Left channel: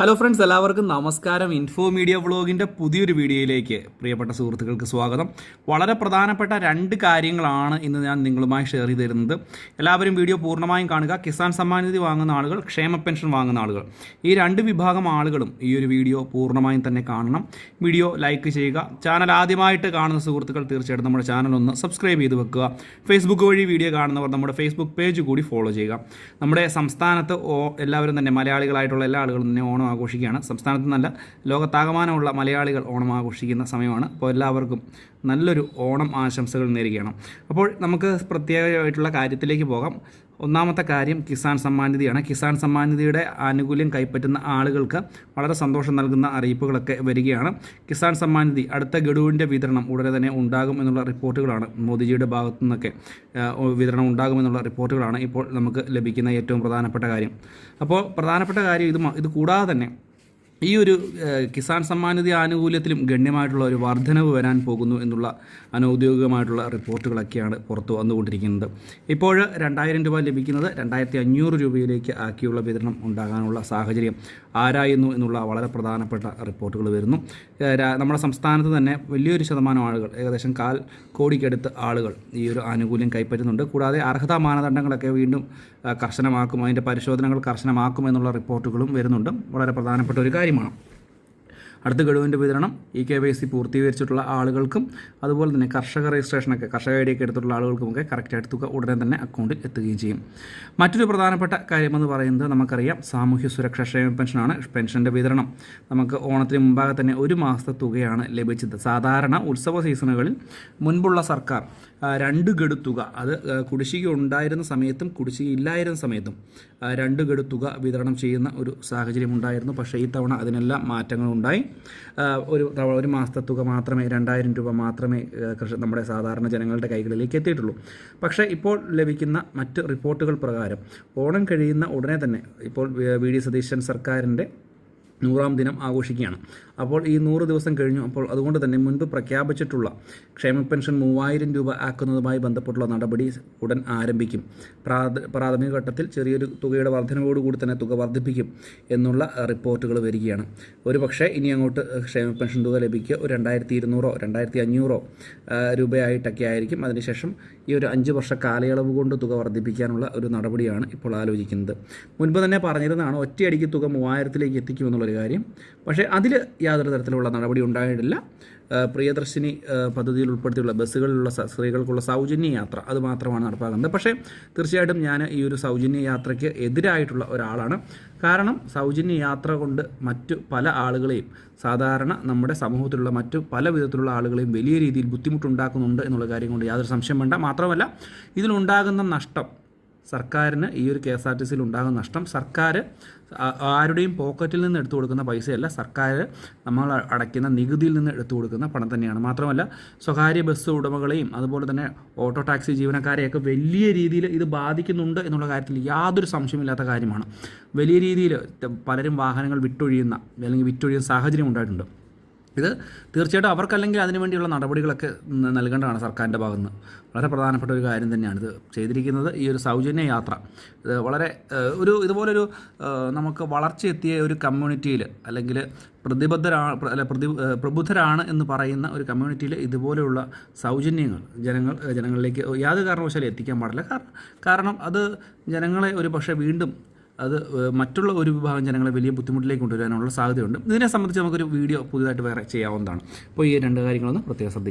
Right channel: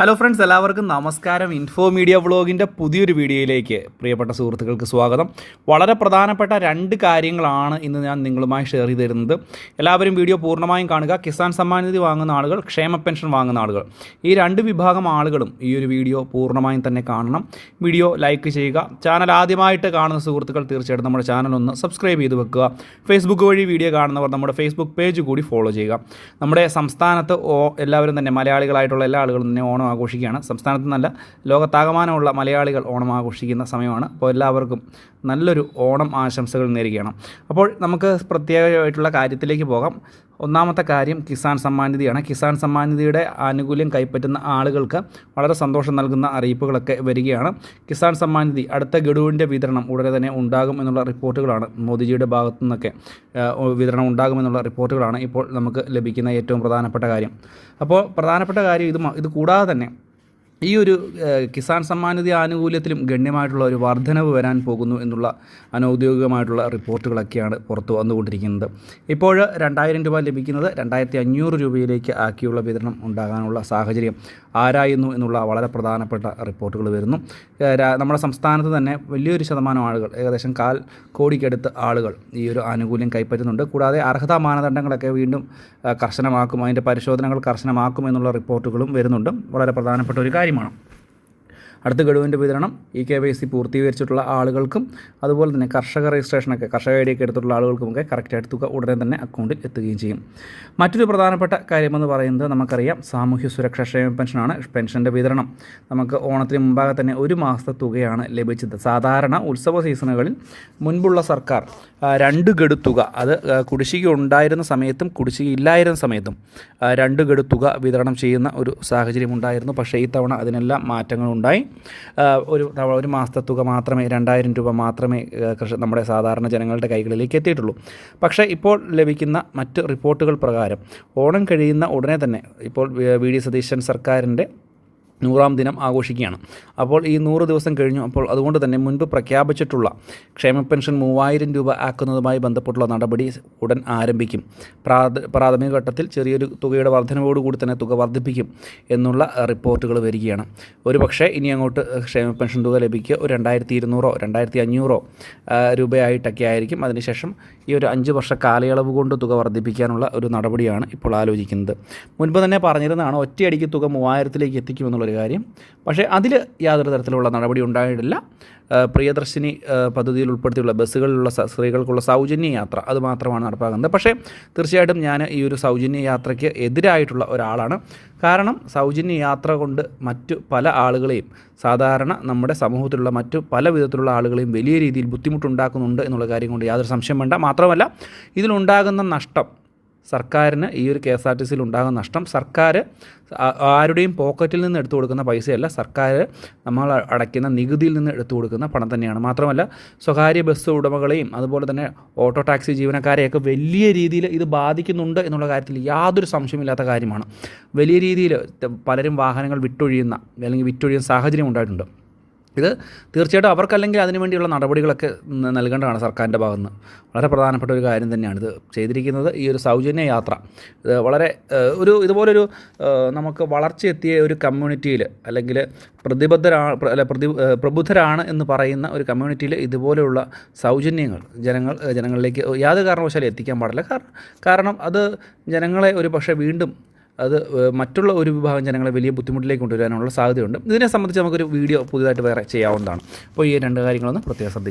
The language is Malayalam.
ഹലോ ഫ്രണ്ട്സ്, എല്ലാവർക്കും നമസ്കാരം. ഇൻഫോ മീഡിയ വ്ളോഗിൻ്റെ പുതിയൊരു വീഡിയോയിലേക്ക് പ്രിയപ്പെട്ട സുഹൃത്തുക്കൾക്ക് സ്വാഗതം. വളരെ പ്രധാനപ്പെട്ട രണ്ട് കാര്യങ്ങളാണ് ഇന്ന് ഞാൻ നിങ്ങളുമായി ഷെയർ ചെയ്ത് തരുന്നത്. എല്ലാവരും വീഡിയോ പൂർണ്ണമായും കാണുക. കിസാൻ സമ്മാൻ നിധി വാങ്ങുന്ന ആളുകൾ, ക്ഷേമ പെൻഷൻ വാങ്ങുന്ന ആളുകൾ, ഈ രണ്ട് വിഭാഗം ആളുകളും ഈ ഒരു വീഡിയോ പൂർണ്ണമായും തന്നെ കാണണം. വീഡിയോ ലൈക്ക് ചെയ്യുക. ചാനൽ ആദ്യമായിട്ട് കാണുന്ന സുഹൃത്തുക്കൾ തീർച്ചയായിട്ടും നമ്മുടെ ചാനൽ ഒന്ന് സബ്സ്ക്രൈബ് ചെയ്ത് വെക്കുക. ഫേസ്ബുക്ക് വഴി വീഡിയോ കാണുന്നവർ നമ്മുടെ ഫേസ്ബുക്ക് പേജ് കൂടി ഫോളോ ചെയ്യുക. നമ്മുടെ സംസ്ഥാനത്ത് എല്ലാവരും തന്നെ മലയാളികളായിട്ടുള്ള എല്ലാ ആളുകളും തന്നെ ഓണം ആഘോഷിക്കുകയാണ്. സംസ്ഥാനത്ത് നല്ല ലോകത്താകമാനമുള്ള മലയാളികൾ ഓണം ആഘോഷിക്കുന്ന സമയമാണ്. അപ്പോൾ എല്ലാവർക്കും നല്ലൊരു ഓണം ആശംസകൾ നേരുകയാണ്. അപ്പോൾ നമുക്ക് പ്രത്യേകമായിട്ടുള്ള കാര്യത്തിലേക്ക് പോകാം. ഒന്നാമത്തെ കാര്യം കിസാൻ സമ്മാൻ നിധിയാണ്. കിസാൻ സമ്മാൻ നിധിയുടെ ആനുകൂല്യം കൈപ്പറ്റുന്ന ആളുകൾക്ക് വളരെ സന്തോഷം നൽകുന്ന അറിയിപ്പുകളൊക്കെ വരികയാണ്. കിസാൻ സമ്മാൻ നിധി അടുത്ത ഗഡുവിൻ്റെ വിതരണം ഉടനെ തന്നെ ഉണ്ടാകും എന്നുള്ള റിപ്പോർട്ടുകളാണ്. മോദിജിയുടെ ഭാഗത്തു നിന്നൊക്കെ വിതരണം ഉണ്ടാകുമെന്നുള്ള റിപ്പോർട്ടുകളാണ് ഇപ്പോൾ നമുക്ക് ലഭിക്കുന്ന ഏറ്റവും പ്രധാനപ്പെട്ട കാര്യം. അപ്പോൾ പ്രധാനപ്പെട്ട കാര്യം ഇത് കൂടാതെ തന്നെ ഈ ഒരു കിസാൻ സമ്മാൻ നിധി ആനുകൂല്യത്തിലും ഗണ്യമായിട്ടുള്ള ഒരു വർധനവ് വരാൻ പോകുന്നു എന്നുള്ള അനൗദ്യോഗികമായിട്ടുള്ള റിപ്പോർട്ടുകളൊക്കെയാണ് പുറത്തു വന്നുകൊണ്ടിരിക്കുന്നത്. ഇപ്പോൾ 2000 രൂപ ലഭിക്കുന്നത് 2500 രൂപയിലേക്ക് ആക്കിയുള്ള വിതരണം ഉണ്ടാകാനുള്ള സാഹചര്യം ആരായുന്നു എന്നുള്ള വളരെ പ്രധാനപ്പെട്ട റിപ്പോർട്ടുകൾ വരുന്നു. നമ്മുടെ സംസ്ഥാനത്ത് തന്നെ വലിയൊരു ശതമാനം ആളുകൾ, ഏകദേശം 1/4 കോടിക്കടുത്ത് ആളുകൾ ഈ ഒരു ആനുകൂല്യം കൈപ്പറ്റുന്നുണ്ട്. കൂടാതെ അർഹതാ മാനദണ്ഡങ്ങളൊക്കെ വീണ്ടും കർശനമാക്കും, അതിൻ്റെ പരിശോധനകൾ കർശനമാക്കും എന്നുള്ള റിപ്പോർട്ടുകളും വരുന്നുണ്ട്. വളരെ പ്രധാനപ്പെട്ട ഒരു കാര്യമാണ്. അടുത്ത ഗഡുവിൻ്റെ വിതരണം KYC പൂർത്തീകരിച്ചിട്ടുള്ള ആളുകൾക്കും അതുപോലെ തന്നെ കർഷക രജിസ്ട്രേഷനൊക്കെ കർഷക ഐ ഡിയൊക്കെ എടുത്തിട്ടുള്ള ആളുകൾക്കുമൊക്കെ കറക്റ്റായിട്ട് തുക ഉടനെ തന്നെ അക്കൗണ്ടിൽ എത്തുകയും ചെയ്യും. മറ്റൊരു പ്രധാനപ്പെട്ട കാര്യമെന്ന് പറയുന്നത് നമുക്കറിയാം, സാമൂഹ്യ സുരക്ഷാ ക്ഷേമ പെൻഷനാണ്. പെൻഷൻ്റെ വിതരണം നമുക്ക് ഓണത്തിന് മുമ്പാകെ തന്നെ 1 മാസത്തെ തുകയാണ് ലഭിച്ചത്. സാധാരണ ഉത്സവ സീസണുകളിൽ മുൻപുള്ള സർക്കാർ 2 ഗഡു തുക, അത് കുടിശ്ശിക ഉണ്ടായിരുന്ന സമയത്തും കുടിശ്ശിക ഇല്ലായിരുന്ന സമയത്തും 2 ഗഡു തുക വിതരണം ചെയ്യുന്ന ഒരു സാഹചര്യം ഉണ്ടായിരുന്നു. പക്ഷേ ഈ തവണ അതിനെല്ലാം മാറ്റങ്ങളുണ്ടായി. ഒരു മാസത്തെ തുക മാത്രമേ 2000 രൂപ മാത്രമേ നമ്മുടെ സാധാരണ ജനങ്ങളുടെ കൈകളിലേക്ക് എത്തിയിട്ടുള്ളൂ. പക്ഷേ ഇപ്പോൾ ലഭിക്കുന്ന മറ്റ് റിപ്പോർട്ടുകൾ പ്രകാരം ഓണം കഴിയുന്ന ഉടനെ തന്നെ ഇപ്പോൾ VD സതീശൻ സർക്കാരിൻ്റെ 100ാം ദിനം ആഘോഷിക്കുകയാണ്. അപ്പോൾ ഈ 100 ദിവസം കഴിഞ്ഞു. അപ്പോൾ അതുകൊണ്ട് തന്നെ മുൻപ് പ്രഖ്യാപിച്ചിട്ടുള്ള ക്ഷേമ പെൻഷൻ 3000 രൂപ ആക്കുന്നതുമായി ബന്ധപ്പെട്ടുള്ള നടപടി ഉടൻ ആരംഭിക്കും. പ്രാഥമിക ഘട്ടത്തിൽ ചെറിയൊരു തുകയുടെ വർധനവോടുകൂടി തന്നെ തുക വർദ്ധിപ്പിക്കും എന്നുള്ള റിപ്പോർട്ടുകൾ വരികയാണ്. ഒരു പക്ഷേ ഇനി അങ്ങോട്ട് ക്ഷേമ പെൻഷൻ തുക ലഭിക്കുക 2200 2500 രൂപയായിട്ടൊക്കെ ആയിരിക്കും. അതിനുശേഷം ഈ ഒരു 5 വർഷ കാലയളവ് കൊണ്ട് തുക വർദ്ധിപ്പിക്കാനുള്ള ഒരു നടപടിയാണ് ഇപ്പോൾ ആലോചിക്കുന്നത്. മുൻപ് തന്നെ പറഞ്ഞിരുന്നതാണ് ഒറ്റയടിക്ക് തുക 3000ലേക്ക് എത്തിക്കുമെന്നുള്ളൊരു കാര്യം. പക്ഷേ അതിൽ യാതൊരു തരത്തിലുള്ള നടപടി ഉണ്ടായിട്ടില്ല. പ്രിയദർശിനി പദ്ധതിയിൽ ഉൾപ്പെടുത്തിയുള്ള ബസ്സുകളിലുള്ള സ്ത്രീകൾക്കുള്ള സൗജന്യ യാത്ര അത് മാത്രമാണ് നടപ്പാക്കുന്നത്. പക്ഷേ തീർച്ചയായിട്ടും ഞാൻ ഈ ഒരു സൗജന്യ യാത്രയ്ക്ക് എതിരായിട്ടുള്ള ഒരാളാണ്. കാരണം സൗജന്യ യാത്ര കൊണ്ട് മറ്റു പല ആളുകളെയും, സാധാരണ നമ്മുടെ സമൂഹത്തിലുള്ള മറ്റു പല വിധത്തിലുള്ള ആളുകളെയും വലിയ രീതിയിൽ ബുദ്ധിമുട്ടുണ്ടാക്കുന്നുണ്ട് എന്നുള്ള കാര്യം കൊണ്ട് യാതൊരു സംശയം വേണ്ട. മാത്രമല്ല ഇതിലുണ്ടാകുന്ന നഷ്ടം സർക്കാരിന്, ഈ ഒരു KSRTCയിൽ ഉണ്ടാകുന്ന നഷ്ടം സർക്കാർ ആരുടെയും പോക്കറ്റിൽ നിന്ന് എടുത്തു കൊടുക്കുന്ന പൈസയല്ല, സർക്കാർ നമ്മൾ അടയ്ക്കുന്ന നികുതിയിൽ നിന്ന് എടുത്തു കൊടുക്കുന്ന പണം തന്നെയാണ്. മാത്രമല്ല സ്വകാര്യ ബസ് ഉടമകളെയും അതുപോലെ തന്നെ ഓട്ടോ ടാക്സി ജീവനക്കാരെയൊക്കെ വലിയ രീതിയിൽ ഇത് ബാധിക്കുന്നുണ്ട് എന്നുള്ള കാര്യത്തിൽ യാതൊരു സംശയമില്ലാത്ത കാര്യമാണ്. വലിയ രീതിയിൽ പലരും വാഹനങ്ങൾ വിറ്റൊഴിയുന്ന സാഹചര്യം ഉണ്ടായിട്ടുണ്ട്. ഇത് തീർച്ചയായിട്ടും അവർക്കല്ലെങ്കിൽ അതിനുവേണ്ടിയുള്ള നടപടികളൊക്കെ നൽകേണ്ടതാണ് സർക്കാരിൻ്റെ ഭാഗത്തുനിന്ന്. വളരെ പ്രധാനപ്പെട്ട ഒരു കാര്യം തന്നെയാണ് ഇത് ചെയ്തിരിക്കുന്നത്. ഈ ഒരു സൗജന്യ യാത്ര ഇത് വളരെ ഇതുപോലൊരു നമുക്ക് വളർച്ചയെത്തിയ ഒരു കമ്മ്യൂണിറ്റിയിൽ, അല്ലെങ്കിൽ പ്രബുദ്ധരാണ് എന്ന് പറയുന്ന ഒരു കമ്മ്യൂണിറ്റിയിൽ ഇതുപോലെയുള്ള സൗജന്യങ്ങൾ ജനങ്ങളിലേക്ക് യാതൊരു കാരണവശാലും എത്തിക്കാൻ പാടില്ല. കാരണം അത് ജനങ്ങളെ ഒരു പക്ഷേ വീണ്ടും അത് മറ്റുള്ള ഒരു വിഭാഗം ജനങ്ങളെ വലിയ ബുദ്ധിമുട്ടിലേക്ക് കൊണ്ടുവരാനുള്ള സാധ്യതയുണ്ട്. ഇതിനെ സംബന്ധിച്ച് നമുക്കൊരു വീഡിയോ പുതിയതായിട്ട് വേറെ ചെയ്യാവുന്നതാണ്. അപ്പോൾ ഈ 2 കാര്യങ്ങളൊന്ന് പ്രത്യേകം ശ്രദ്ധിക്കുക.